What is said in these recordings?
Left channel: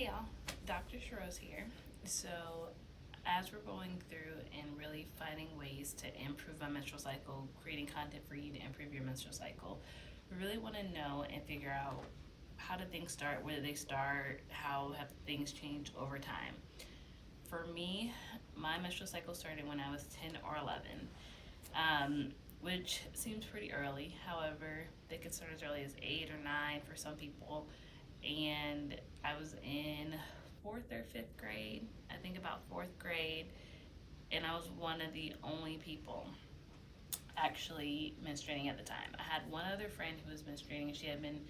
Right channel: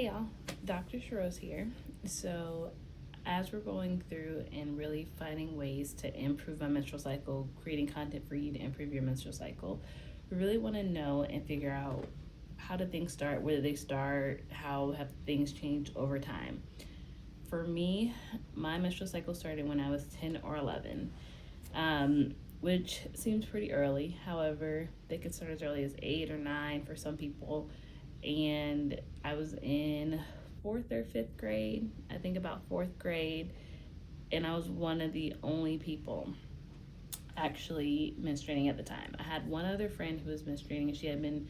Hey y'all, Dr. Sha'Rose here. So, as we're going through and really finding ways to improve my menstrual cycle, creating content for you to improve your menstrual cycle, we really want to know and figure out how do things start, where do they start, how have things changed over time. For me, my menstrual cycle started when I was 10 or 11, which seems pretty early. However, they could start as early as 8 or 9 for some people, and I was in fourth or fifth grade, I think about fourth grade, and I was one of the only people actually menstruating at the time. I had one other friend who was menstruating, and she had been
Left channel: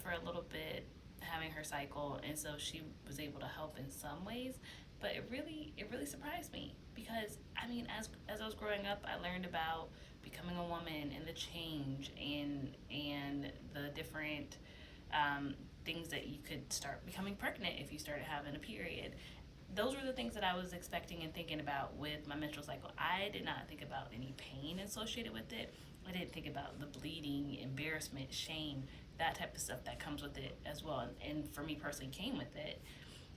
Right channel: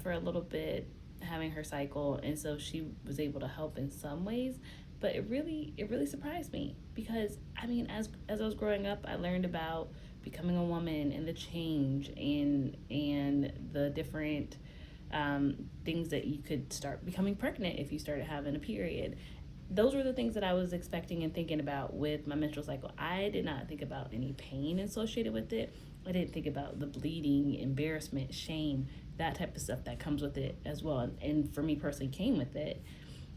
for a little bit having her cycle, and so she was able to help in some ways. But it really surprised me, because I mean, as I was growing up, I learned about becoming a woman and the change and the different things that you could start becoming pregnant if you started having a period. Those were the things that I was expecting and thinking about with my menstrual cycle. I did not think about any pain associated with it. I didn't think about the bleeding, embarrassment, shame, that type of stuff that comes with it as well. And for me personally, came with it.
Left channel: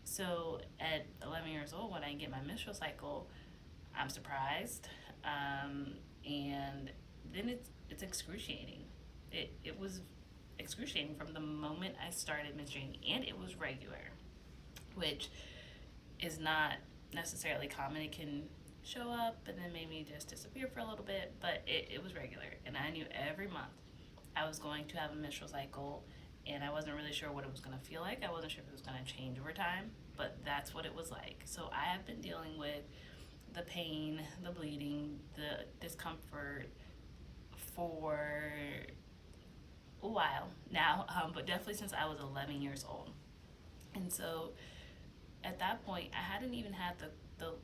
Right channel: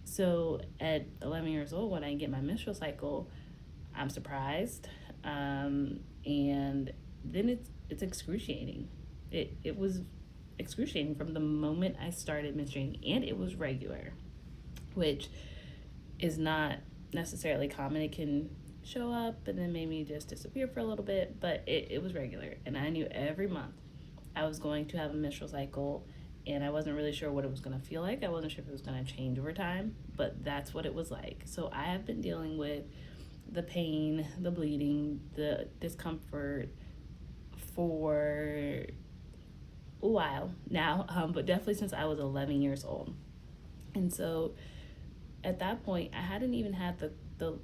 So at 11 years old, when I get my menstrual cycle, I'm surprised. And then it's excruciating. It was excruciating from the moment I started menstruating, and it was regular, which is not necessarily common. It can show up and then maybe just disappear for a little bit, but it was regular, and I knew every month I was going to have a menstrual cycle, and I wasn't really sure what it was going to feel like. I wasn't sure if it was going to change over time, but that's what it was like. So I have been dealing with the pain, the bleeding, the discomfort for a while now, but definitely since I was 11 years old. And so at that point, I hadn't even had the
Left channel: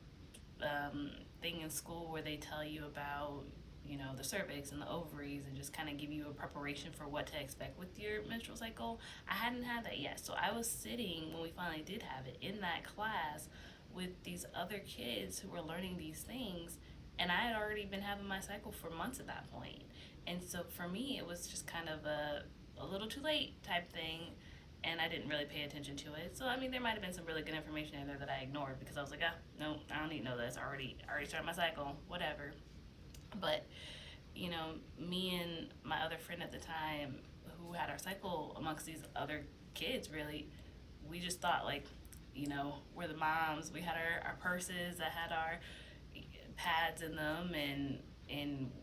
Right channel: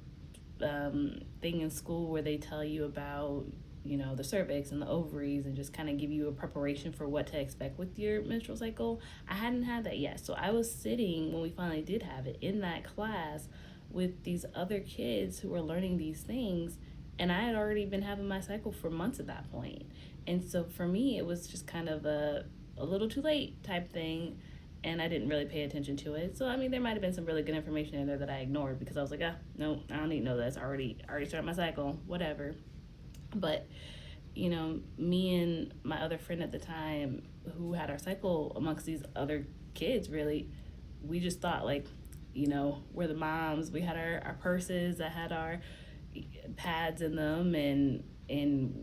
thing in school where they tell you about, you know, the cervix and the ovaries and just kind of give you a preparation for what to expect with your menstrual cycle. I hadn't had that yet. So I was sitting, when we finally did have it, in that class with these other kids who were learning these things, and I had already been having my cycle for months at that point. And so for me, it was just kind of a little too late type thing, and I didn't really pay attention to it. So I mean, there might have been some really good information in there that I ignored, because I was like, no, I don't need to know this. I already started my cycle, whatever. But you know, me and my other friend at the time, who had our cycle amongst these other kids, really, we just thought, like, you know, we're the moms. We had our purses that had our pads in them, and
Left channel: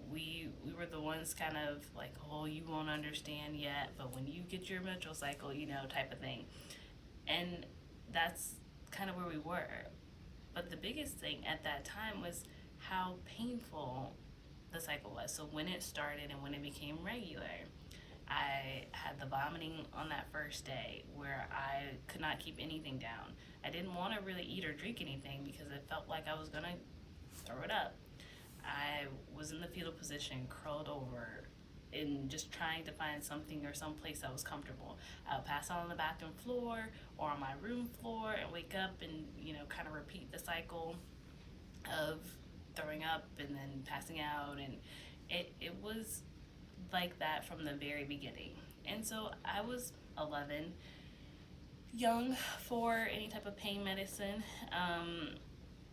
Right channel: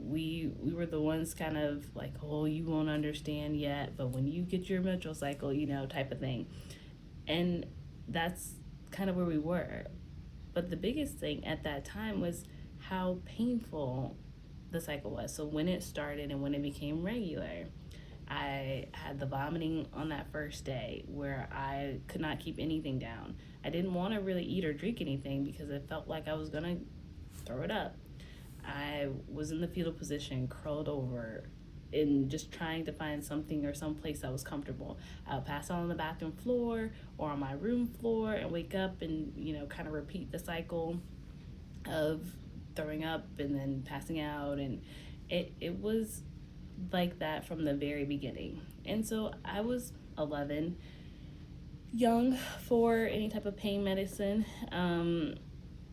we were the ones kind of like, oh, you won't understand yet, but when you get your menstrual cycle, you know, type of thing. And that's kind of where we were. But the biggest thing at that time was how painful the cycle was. So when it started and when it became regular, I had the vomiting on that first day, where I could not keep anything down. I didn't want to really eat or drink anything because it felt like I was gonna throw it up. I was in the fetal position, curled over, and just trying to find something or some place that was comfortable. I would pass out on the bathroom floor or on my room floor and wake up and, you know, kind of repeat the cycle of throwing up and then passing out. And it was like that from the very beginning. And so I was 11, young for any type of pain medicine,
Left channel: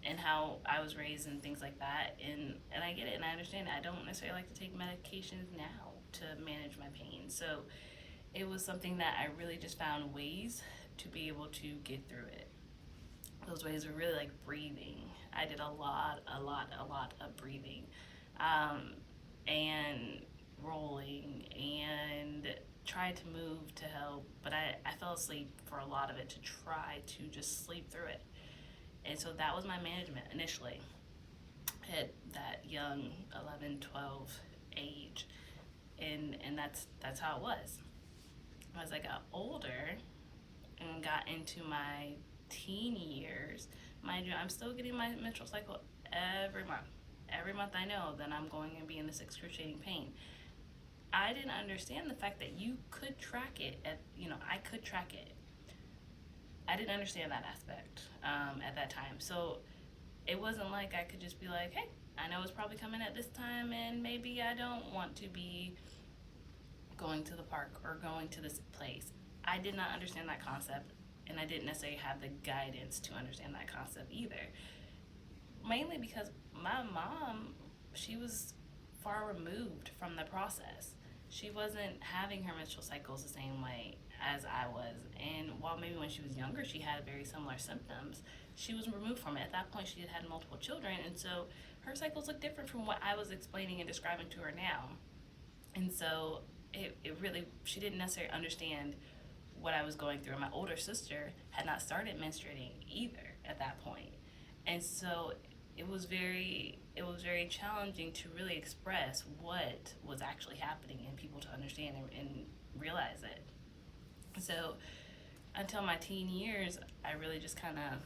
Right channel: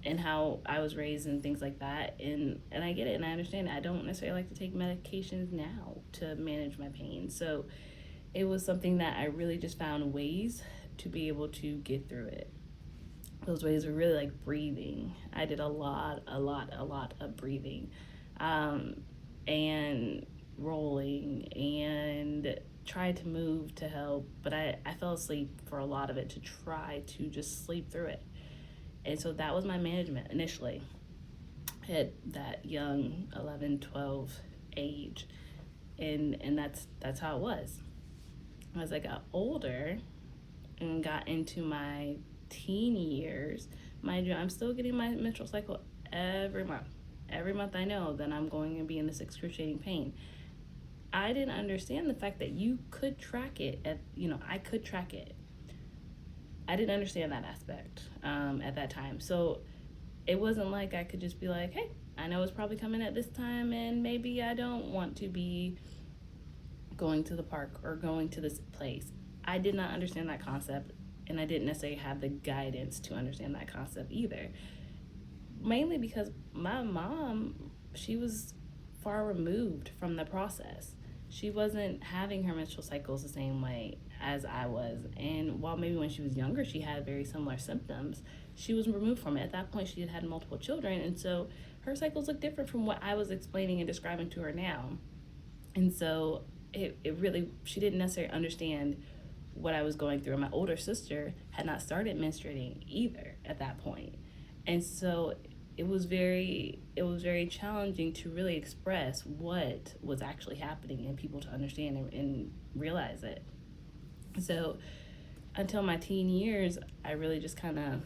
and how I was raised and things like that. And I get it, and I understand it. I don't necessarily like to take medications now to manage my pain. So it was something that I really just found ways to be able to get through it. Those ways were really like breathing. I did a lot of breathing, and rolling, and tried to move to help, but I fell asleep for a lot of it to try to just sleep through it. And so that was my management initially at that young 11, 12 age. And that's how it was. As I got older and got into my teen years, mind you, I'm still getting my menstrual cycle every month. Every month I know that I'm going to be in this excruciating pain. I didn't understand the fact that you could track it. I could track it. I didn't understand that aspect at that time. So it wasn't like I could just be like, hey, I know it's probably coming at this time, and maybe I don't want to be going to the park or going to this place. I did not understand that concept, and I didn't necessarily have the guidance to understand that concept either. Mainly because my mom, she was far removed from the process. She wasn't having her menstrual cycles the same way as I was. And while maybe when she was younger, she had very similar symptoms, she was removed from it. At that point, she had multiple children. And so her cycles look different from what I was explaining and describing to her now. And so it really, she didn't necessarily understand what I was going through. And my older sister had not started menstruating either at that point. And so it was very challenging to really express what was actually happening and people to understand and realize it. So until my teen years, I really just kind of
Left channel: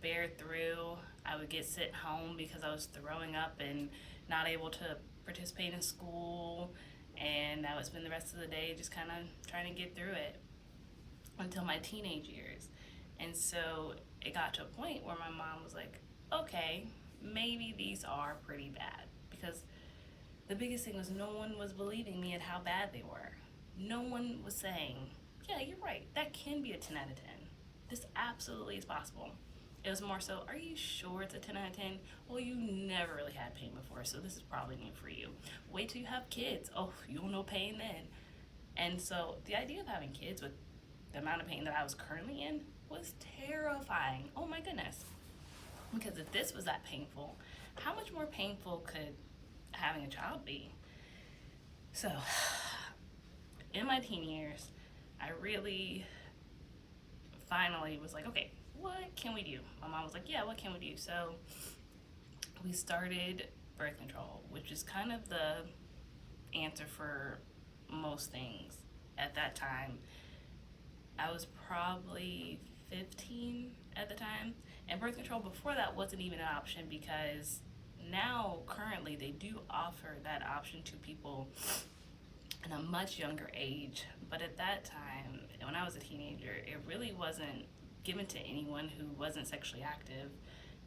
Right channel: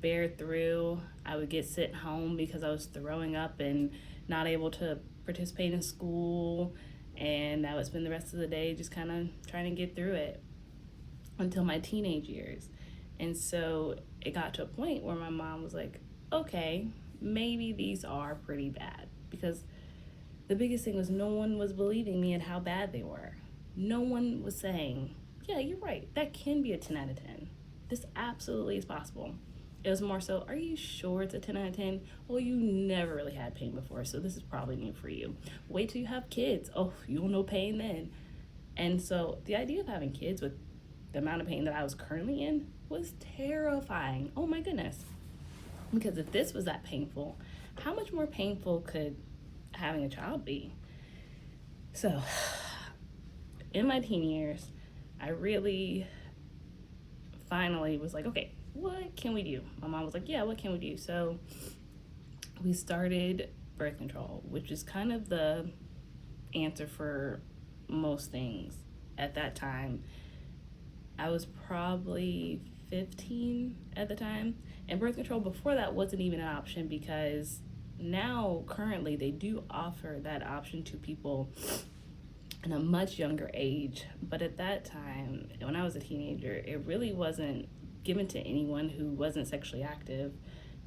bear through. I would get sent home because I was throwing up and not able to participate in school, and I would spend the rest of the day just kind of trying to get through it until my teenage years. And so it got to a point where my mom was like, okay, maybe these are pretty bad, because the biggest thing was no one was believing me and how bad they were. No one was saying, yeah, you're right, that can be a 10 out of 10. This absolutely is possible. It was more so, are you sure it's a 10 out of 10? Well, you never really had pain before, so this is probably new for you. Wait till you have kids. Oh, you'll know pain then. And so the idea of having kids with the amount of pain that I was currently in was terrifying. Oh my goodness. Because if this was that painful, how much more painful could having a child be? So in my teen years, I really finally was like, okay, what can we do? My mom was like, yeah, what can we do? So we started birth control, which is kind of the answer for most things. At that time, I was probably 15 at the time, and birth control before that wasn't even an option, because now currently they do offer that option to people in a much younger age. But at that time, when I was a teenager, it really wasn't given to anyone who wasn't sexually active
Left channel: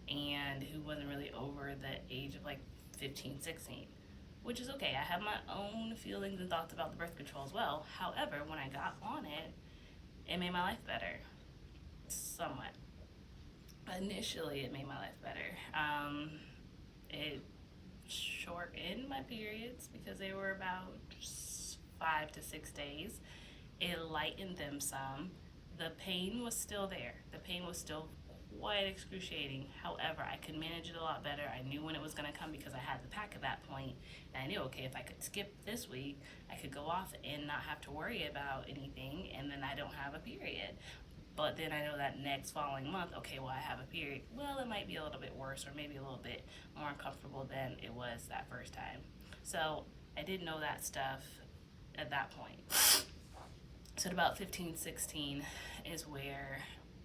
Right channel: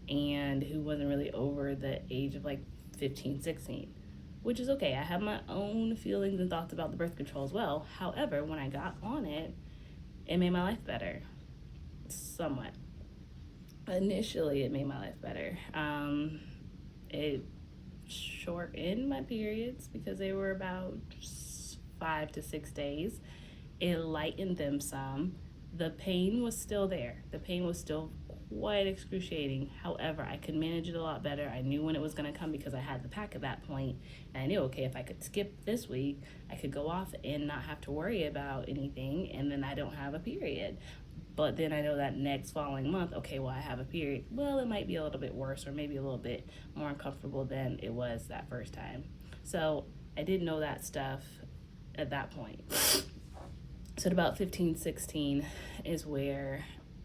and who wasn't really over the age of like 15, 16, which is okay. I have my own feelings and thoughts about the birth control as well. However, when I got on it, it made my life better, somewhat. Initially, it made my life better. It shortened my periods because they were about 5 to 6 days. It lightened them some. The pain was still there. The pain was still quite excruciating. However, I could manage it a lot better. I knew when it was going to come because I had the pack at that point. And I knew, okay, if I could skip this week, I could go off and not have to worry about anything, and then I don't have a period. But then I know that next following month, okay, well, I have a period. Well, it might be a little bit worse, or maybe a little bit more uncomfortable than it was that first time. So I didn't know that stuff at that point. So at about 15, 16 is where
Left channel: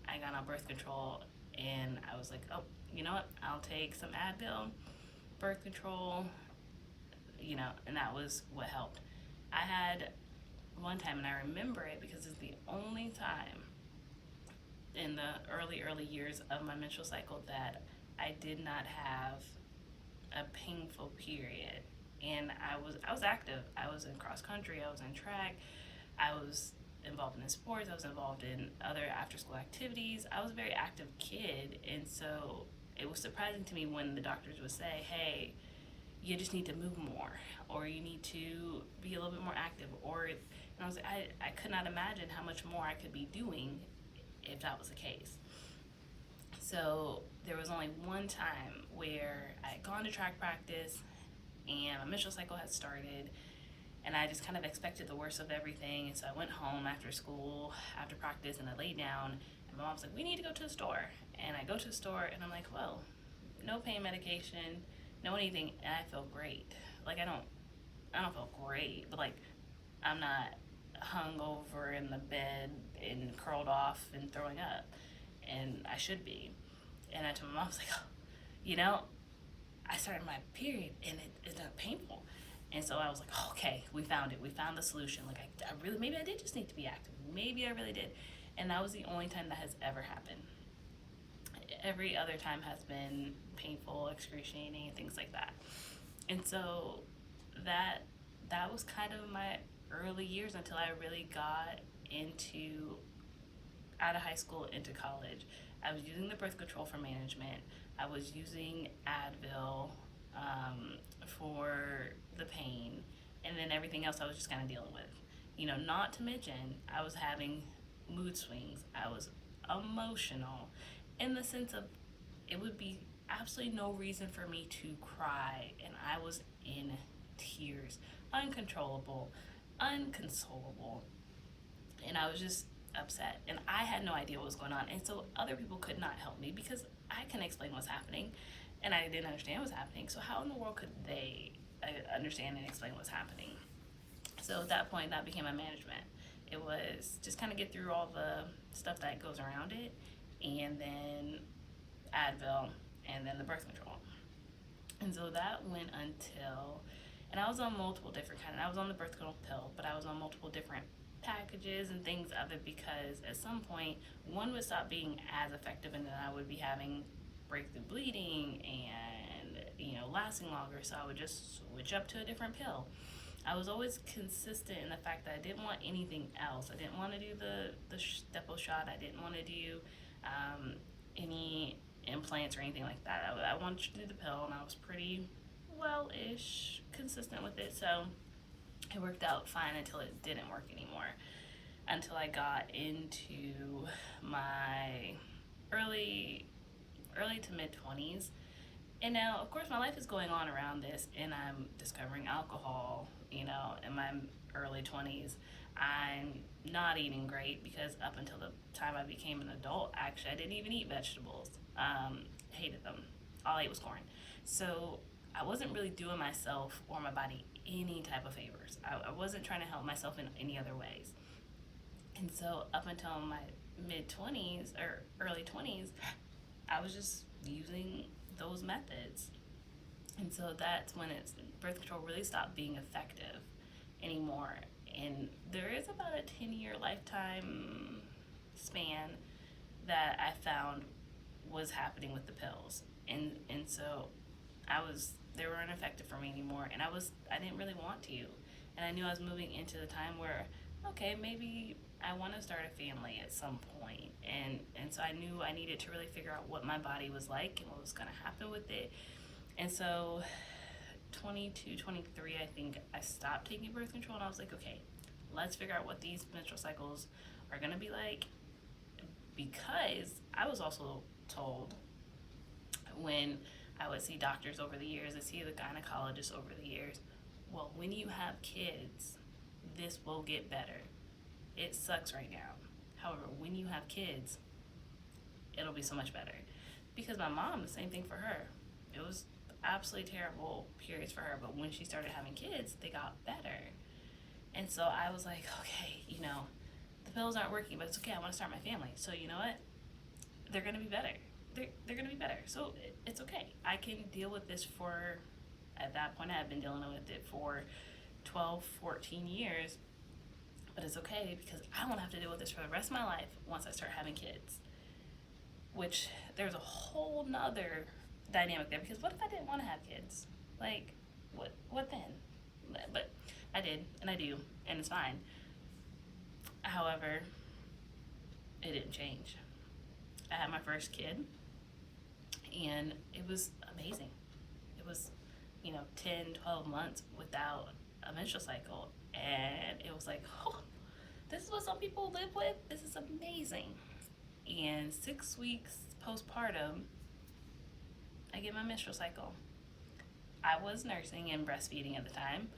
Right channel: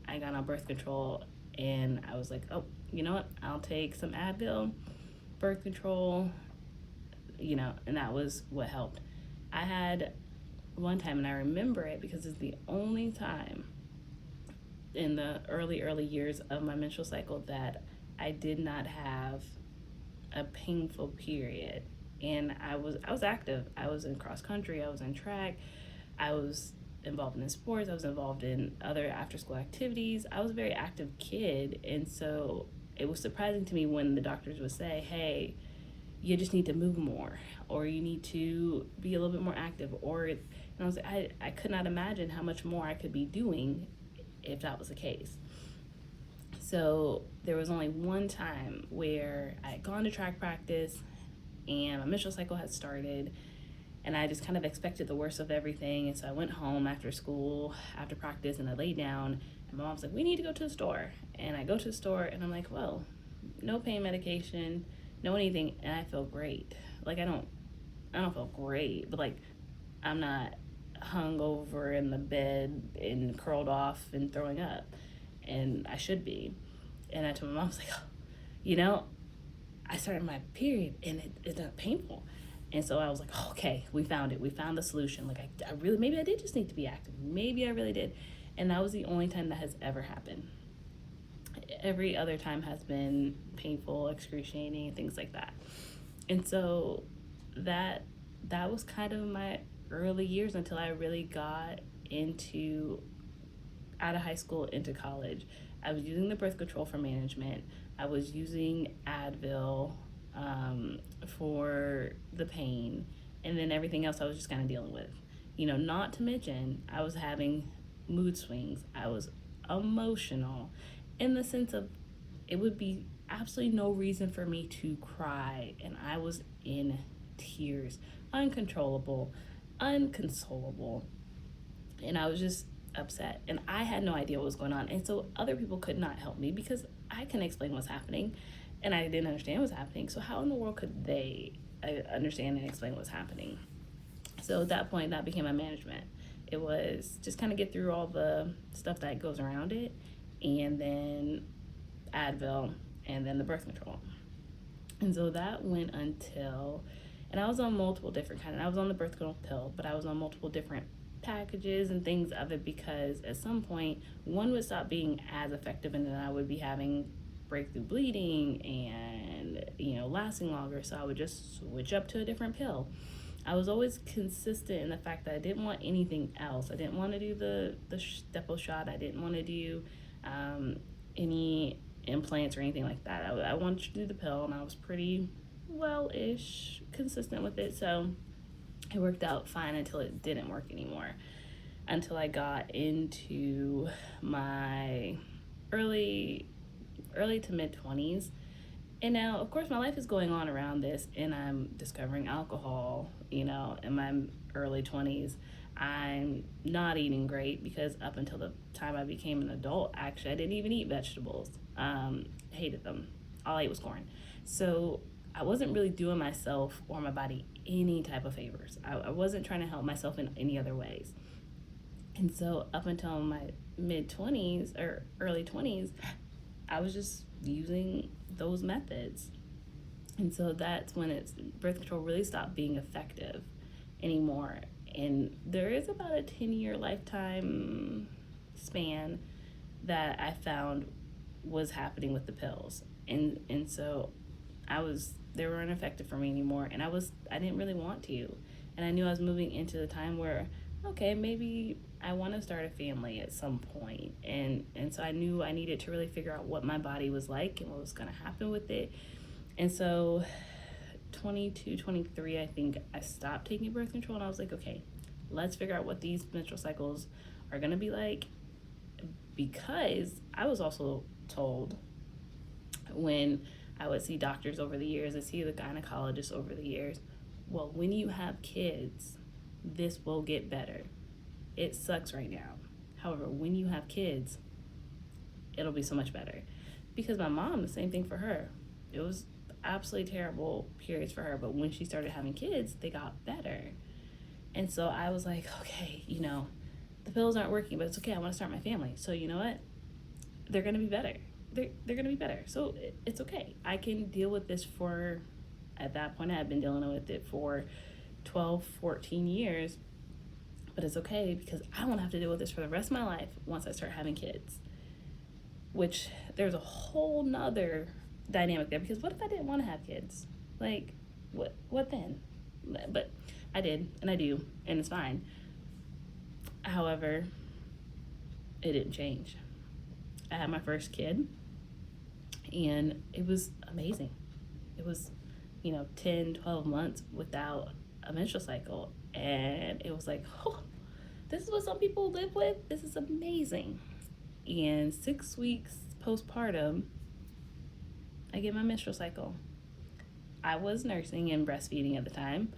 I got on birth control, and I was like, oh, you know what? I'll take some Advil, birth control, and that was what helped. I had one time, and I remember it because it's the only time in the early years of my menstrual cycle that I did not have a painful period. And I was active. I was in cross country, I was in track, I was involved in sports, I was involved in other after school activities. I was a very active kid, and so it was surprising to me when the doctors would say, hey, you just need to move more, or you need to be a little bit more active, and I was like, I could not imagine how much more I could be doing if that was the case. So there was only one time where I had gone to track practice and my menstrual cycle had started, and I just kind of expected the worst of everything. And so I went home after school, after practice, and I laid down, and my mom's like, we need to go to the store. And I go to the store, and I'm like, well, no pain medication, no anything, and I feel great. Like, I don't feel great, but like, I'm not hung over in the bed and curled off and throwing up, and I should be. And I told my mom, I was like, oh, I started my period and it's not painful. And so I was like, okay, we found it. We found the solution. Like, I really, maybe I did just need to be active. Maybe I really did. And that was the only time that has ever happened. Every other time has been painful, excruciating, and things like that. And so that was kind of my early years until I really got into out of high school into college. I was using the birth control for management. I was using Advil for the pain, and then everything else I was just kind of dealing with. Not to mention, I was having mood swings. I was emotional in the sense of it would be absolutely no reason for me to cry, and I was in tears, uncontrollable, unconsolable, and I was just upset, and I had no idea what was going on. And so other people could not help me because I couldn't explain what's happening, and I didn't understand what's happening. So how in the world could they understand and explain what's happening? So at that point, that became my management. It was just kind of get through all the stuff that goes around it, and then Advil, and then the birth control. And so that went until, and I was on multiple different I was on the birth control pill, but I was on multiple different packages and things of it, because at some point one would stop being as effective, and then I would be having breakthrough bleeding and lasting longer, so I would just switch up to a different pill. I was always consistent in the fact that I didn't want anything else. I didn't want to do the Depo shot. I didn't want to do any implants or anything like that. I wanted to do the pill, and I was pretty well-ish consistent with it, so it worked out fine until it didn't work anymore, until I got into my early to mid-20s. And now, of course, my life is going on around this, and I'm discovering alcohol, in my early 20s. I'm not eating great, because up until the time I became an adult, actually, I didn't even eat vegetables. Hated them. All I ate was corn. So I wasn't really doing myself or my body any type of favors. I wasn't trying to help myself in any other ways. And so up until my mid-20s or early 20s, I was just using those methods. And so that's when birth control really stopped being effective anymore. And there is about a 10-year lifetime span that I found was happening with the pills. And so they weren't effective for me anymore, and I didn't really want to. And I knew I was moving into the time where, okay, maybe I want to start a family at some point. And so I knew I needed to really figure out what my body was like and what was going to happen with it. And so 22, 23, I think I stopped taking birth control, and I was like, okay, let's figure out what these menstrual cycles are going to be like. Because I was also told, when I would see doctors over the years, I see the gynecologist over the years, well, when you have kids, this will get better. It sucks right now. However, when you have kids, it'll be so much better. Because my mom, the same thing for her. It was absolutely terrible periods for her, but when she started having kids, they got better. And so I was like, okay, the pills aren't working, but it's okay. I want to start my family. So you know what? They're going to be better. They're going to be better. So it's okay. I can deal with this at that point, I had been dealing with it for 12, 14 years. But it's okay, because I won't have to deal with this for the rest of my life once I start having kids. Which, there's a whole nother dynamic there, because what if I didn't want to have kids? Like, what then? But I did, and I do, and it's fine. However, it didn't change. I had my first kid, and it was amazing. It was, 10, 12 months without a menstrual cycle, and it was like, oh, this is what some people live with? This is amazing. And 6 weeks postpartum, I get my menstrual cycle. I was nursing and breastfeeding at the time,